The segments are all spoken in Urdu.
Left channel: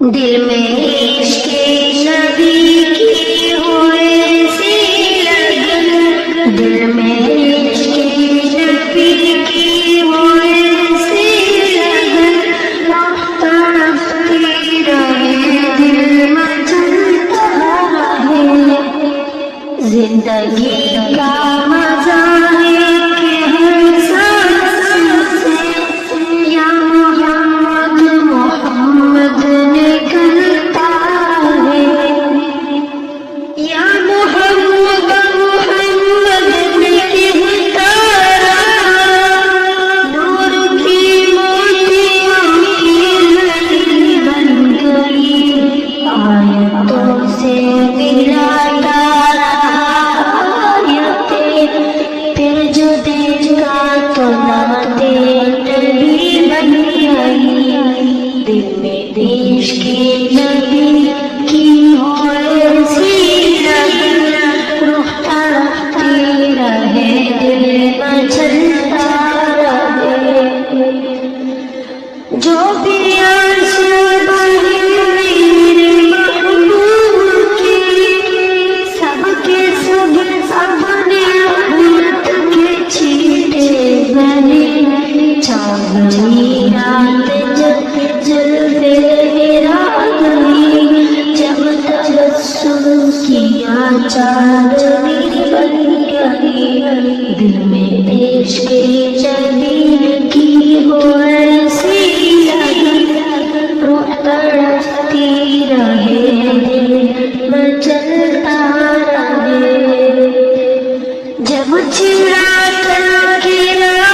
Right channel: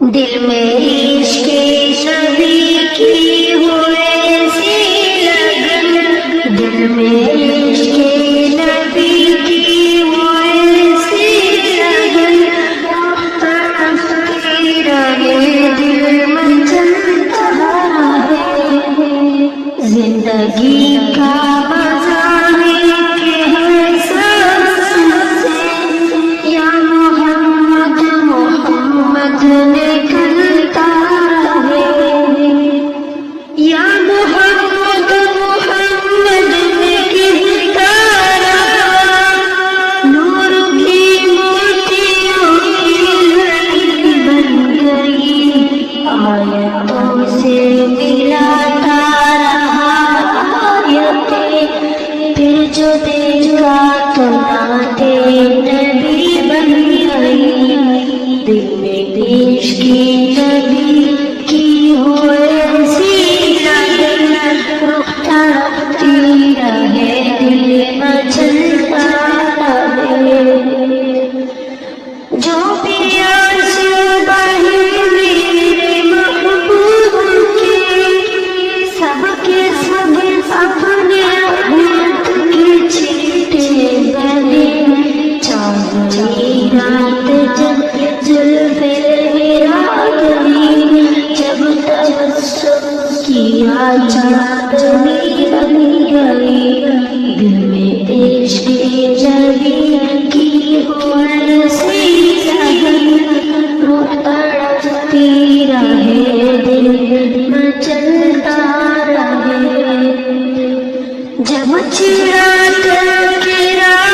دل میں عشق نبی کی ہوئے سی لگن، دل میں عشق نبی کی ہوئے سی لگن، تڑپتی رہے دل مچلتا رہے، زندگی کا مزہ ہے کہ احساس سے یا محمد محمد نکلتا رہے، یا محمد محمد نکلتا رہا، نور کی موتیوں کی لڑی بن گئی، آیتوں سے ملاتا رہا آیتیں، پھر جو دیکھا تو نعتِ نبی بن گئی، دل میں عشق نبی کی ہوئے سی لگن، روح تڑپتی رہے دل مچلتا رہے، جو بھی عرش بڑھی میرے محبوب کی، سب کے سب اپنے امت کے چیٹے بنے، چاندنی رات جب جلوے آ گئی، جب تبسم کیا چاندنی بن گئی، دل میں عشق نبی کی ہوئے سی لگن، روح تڑپتی رہے دل مچلتا رہے، جب چراغ کے راہ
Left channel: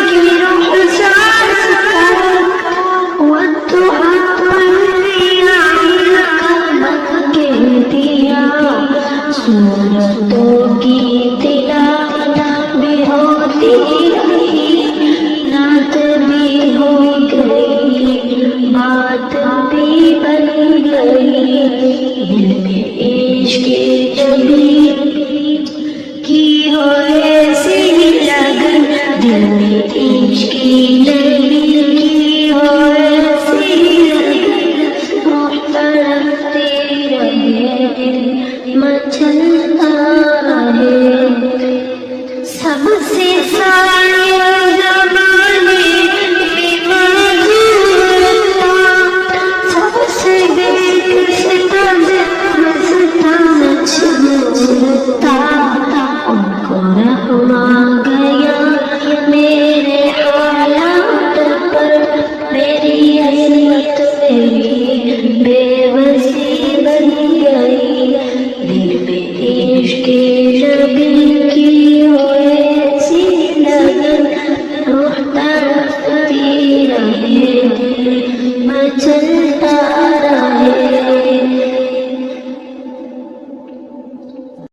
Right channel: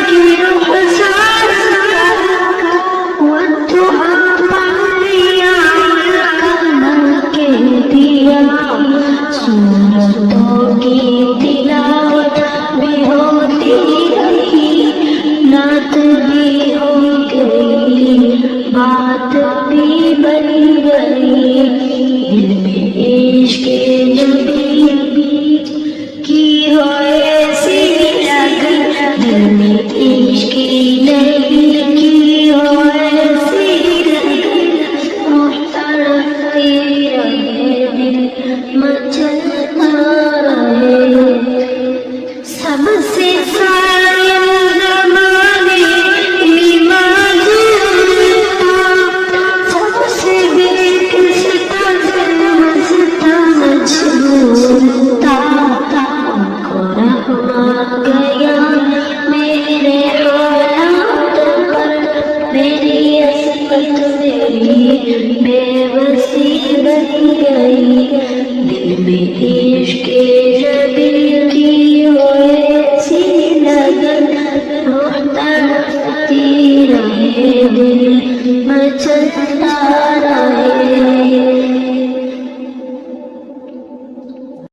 کی رخسار کا والضحیٰ پڑھیا من کہہ دیا، سورتوں کی تلاوت بھی ہوتی رہی، نعت بھی ہو گئی، بات بھی بن گئی، دل میں عشق نبی کی ہوئے سی لگن، دل میں عشق نبی کی ہوئے سی لگن، روح تڑپتی رہے دل مچلتا رہے، سب سے سایہ زمانے میں موجود تھا، سب سے بےستم مجبور تھا، ان کو رحم آ گیا میرے حالات پر، میری عصمت میری بے بسی بن گئی، دل میں عشق نبی کی ہوئے سی لگن، روح تڑپتی رہے دل مچلتا رہے۔